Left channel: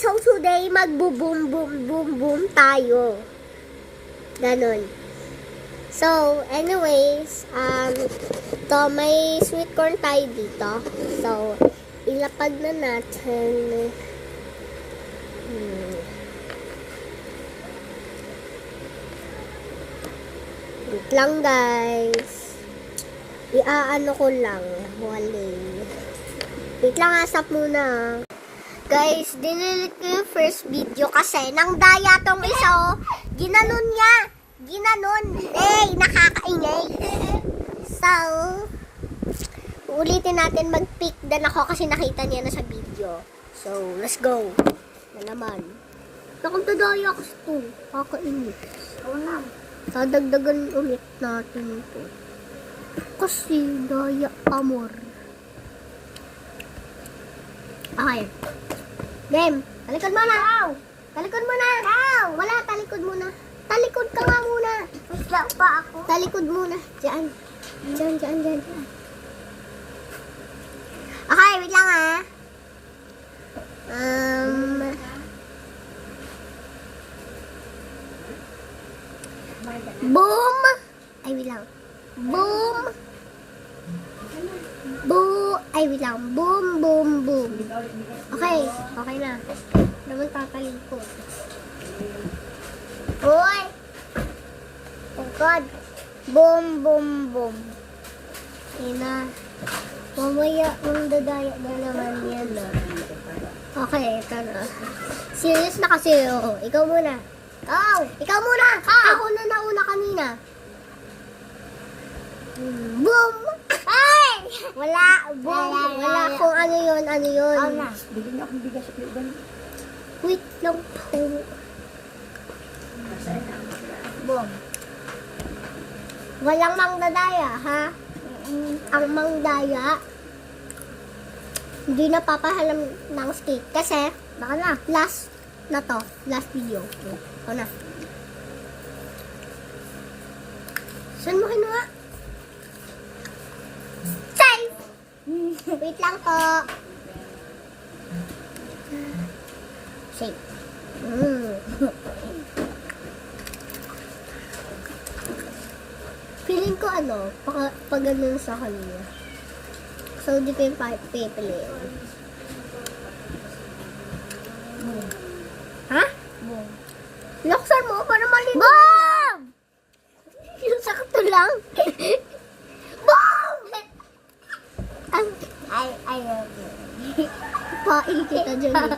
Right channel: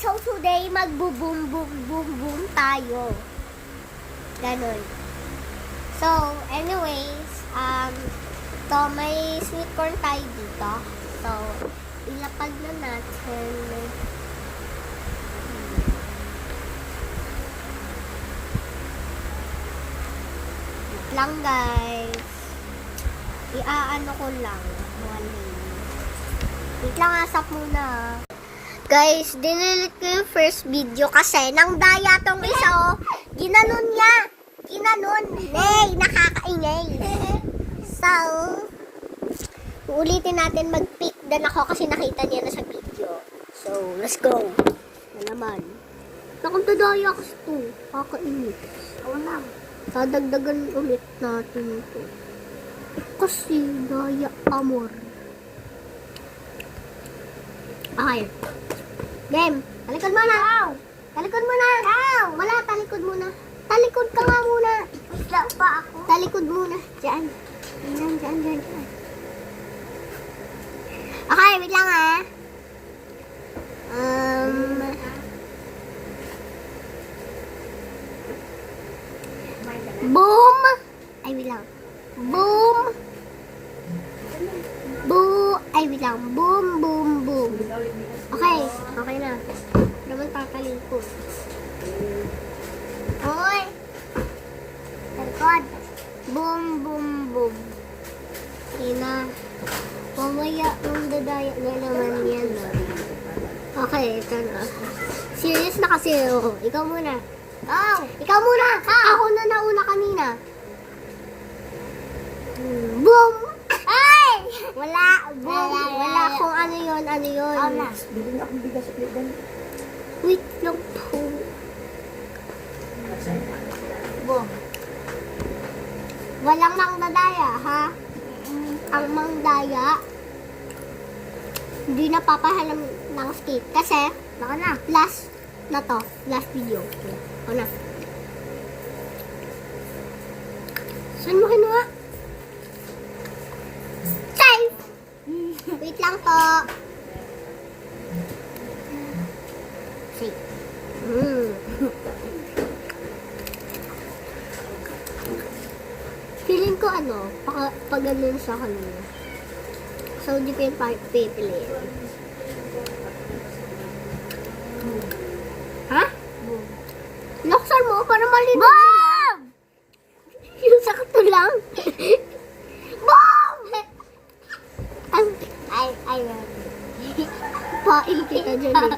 so today magbo-boom boom boom boom tayo. Ganon. So, anyways, to may sweet corn tayo dito. So, ilapag na natin. Wait lang, guys. Iaano ko lang. Wali. Wait lang, asap muna. Guys, dinilit ko yung first video kasi nang daya tong isa, oh. Ginanon niya. Ginanon. Nakakaingay. So, ulitin natin mag-pick dan ako kasi nakita niya na sa video. So, let's go. Na naman. Nakagdadaya kasi ito. Kakainit. Dadagdagan ulit natin ito. Kasi daya amor. Okay. Game. Talikod mo na. Talikod mo na. Wala, talikod muna. Talikod ka nga muna. Isla pa ako. Talikod muna. Diyan. Diyan. Okay, wait lang ha. Boom. Ay, wait lang. Boom. Ay, wait lang. Boom, boom, boom. Okay. Okay na. Naman tatalikod. Uy! Talikod. Boom, boom, boom. Yun na. Mamaya, dadaya na naman yan na. Okay, ito na. Serious na kasi. Oh. Ikaw muna. Ikaw muna! Ako na nauna kanina. Boom! Ay! Wala. Boom. Wala kung ano yun. Bigyan na akong bigas at doon. Wait lang po. Walang mangdadaya, ha? Ang mangdaya, hindi na papahalam ng skate. Kasi, baka na. Last video. O na. Saan mo kinuha? Safe! Wait lang po. Safe. Feeling ko pag ganun sa kanya. So, di ko yung pipiliin. Ha? Laksan mo para malinis nila. Yung sakto lang. Boom! I love you. Pain kita dyan eh.